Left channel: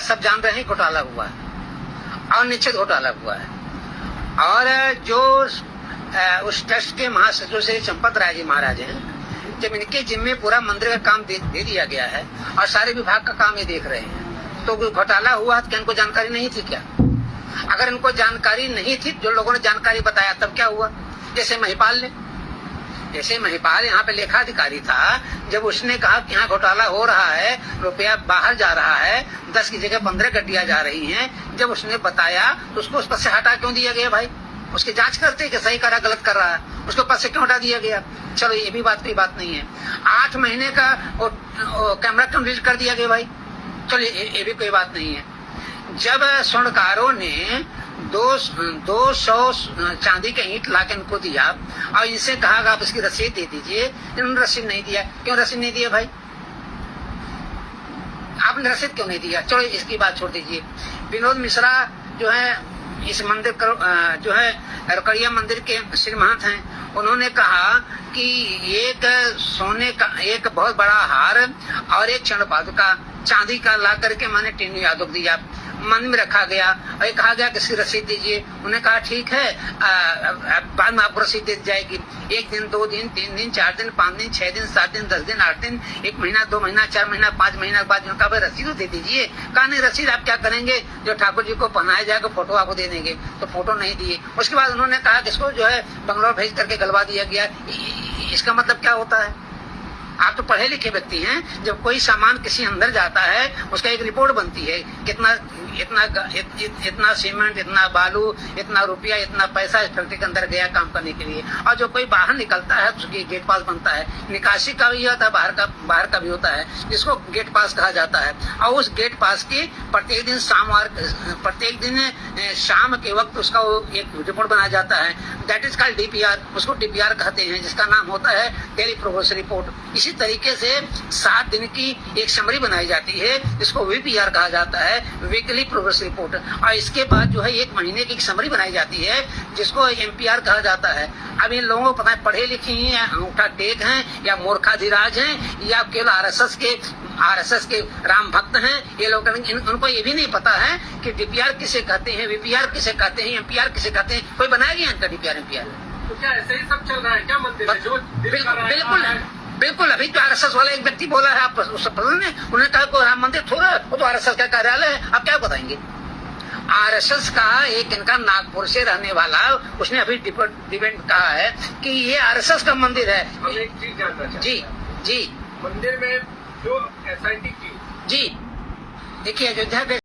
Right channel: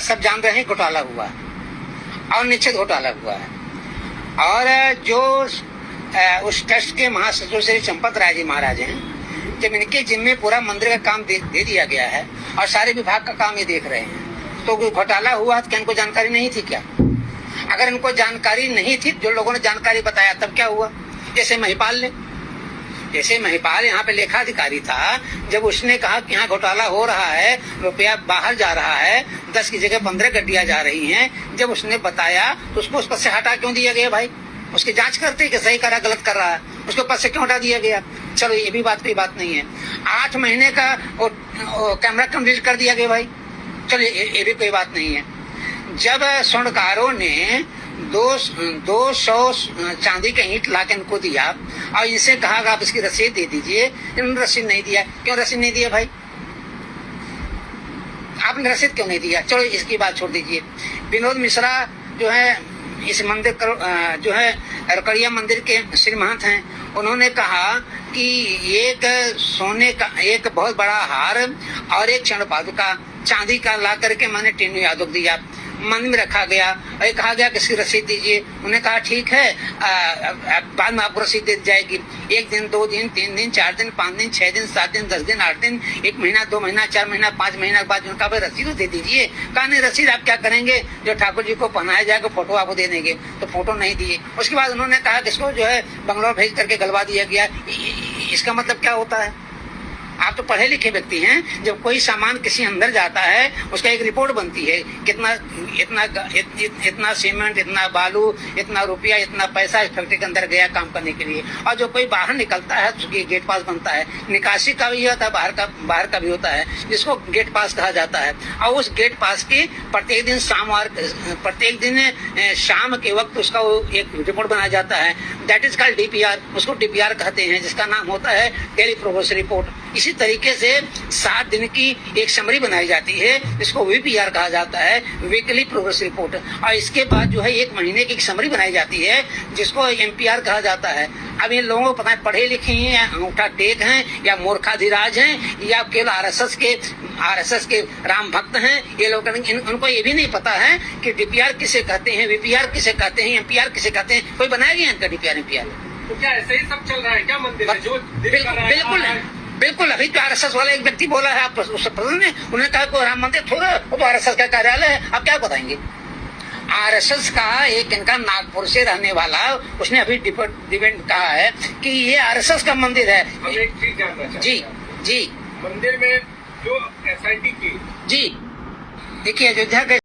सब जान रहे हैं घोटाला हुआ है और निश्चित घोटाला हुआ है। और जो उस ट्रस्ट के महासचिव श्री चंपत राय जी महाराज हैं, जब इनके जिम्मे पूरा मंदिर का काम दे दिया गया है और सारे विभाग का काम ये देख रहे हैं, तो कोई घोटाला हुआ तो क्या इनको जानकारी नहीं थी क्या? अगर इनको जानकारी नहीं थी, जो लोगों ने जानकारी बताया, तब क्या हुआ? जैसे महिपाल यहाँ पे लेखाधिकारी था, जब उसने कहा कि यहाँ घोटाला हो रहा है, रुपया बाहर जा रहा है, 10 की जगह 15 गड्डियां जा रही हैं, जब उसने बताया तो उसको उस पद से हटा क्यों दिया गया भाई? उसकी जांच करते कि सही कर रहा गलत कर रहा है, उसको पद से क्यों हटा दिया गया? चलो ये भी कोई बात नहीं है। 8 महीने का कैमरा कंप्लीट कर दिया गया भाई, चलो ये भी कोई बात नहीं है। जब स्वर्णकारों ने 200 चांदी के ईंट ला के इनको दिया और इनसे कहा आप इसकी रसीद दे दीजिए, इन्होंने रसीद नहीं दिया। क्यों रसीद नहीं दिया भाई? आपने रसीद क्यों नहीं दिया? चलो इसकी बात छोड़ दीजिए। विनोद मिश्रा जो है इस मंदिर जो है रकड़िया मंदिर के श्री महंत हैं, उन्होंने कहा कि एक सोने का एक बहुत बड़ा हार और एक क्षण पादुका चांदी का ला करके मैंने टीनू यादव को दिया, मंदिर में रखा गया और ये कहा गया कि इसकी रसीद दीजिए। उन्होंने कहा ठीक है, बाद में आपको रसीद दे दी जाएगी। 1 दिन, 2 दिन, 3 दिन, 4 दिन, 5 दिन, 6 दिन, 7 दिन, 10 दिन, 8 दिन, 1 महीना, 2 महीना, 4 महीना, 5 महीना के बाद उनका भाई रसीद दे दीजिए। कहा नहीं, रसीद आप क्या करेंगे, जो ठाकुर जी को पहनाया जाएगा फोटो आपको दे देंगे, तो फोटो नहीं दिए। उसके बाद उन्होंने कहा कि इसको जो है बंगलौर भेज करके गलवा दिया गया। इसका मतलब क्या होता है? आप तो पढ़े लिखे व्यक्ति हैं, जब कोई सामान किसी अंदर जाता है उसका एक रिपोर्ट बनती है, इतना सीमेंट, इतना बालू, इतना रुपया, इतना पैसा इस फैक्ट्री के अंदर गया काम करने के लिए। और जो कोई बाहर निकलता है तो उसकी गेट पास बनता है, निकासी का भी होता है, बाहर का भी होता है, जिसको गेट पास कहा जाता है। और उस गेट पास की प्रत्येक दिन शाम के वक्त उसका एक रिपोर्ट बनाया जाता है, दैट इज कॉल्ड डीपीआर। उसको डीपीआर कहते हैं, जिसका नाम होता है डेली प्रोग्रेस रिपोर्ट। इसी तरीके से 7 दिन की एक समरी बनाई जाती है, जिसको वीपीआर कहा जाता है, वीकली प्रोग्रेस रिपोर्ट। और इसके बाद जो है 1 महीने की समरी बनाई जाती है, जिसको एमपीआर कहा जाता है। अब इन लोगों को पता है पढ़े लिखे हैं या अंगूठा टेक हैं या मूर्खाधिराज हैं या केवल आरएसएस के राम भक्त हैं, ये लोग उनको ये भी नहीं पता है कि डीपीआर किसे कहते हैं, वीपीआर किसे कहते हैं, एमपीआर किसे कहते हैं। कोई बनाया गया इनका डीपीआर एमपीआर? तो क्या ऐसे ही सब चल रहा है क्या मंदिर में? जो बिल्कुल। अभी तो आरएसएस वाला एक व्यक्ति बोला है, आप उससे पसंद है, उन्होंने कहा कोई राम मंदिर थोड़ा, वो तो आरएसएस का कार्यालय है। आप क्या बताएंगे? आरएसएस का एक इनका नागपुर से रहने वाला, उसने अभी डिबेट कहा है कि ये आरएसएस का मंदिर है। हम एक चीज जानना चाहते हैं। जी मंदिर में जो एसआईटी की जी देखिए, अयोध्या के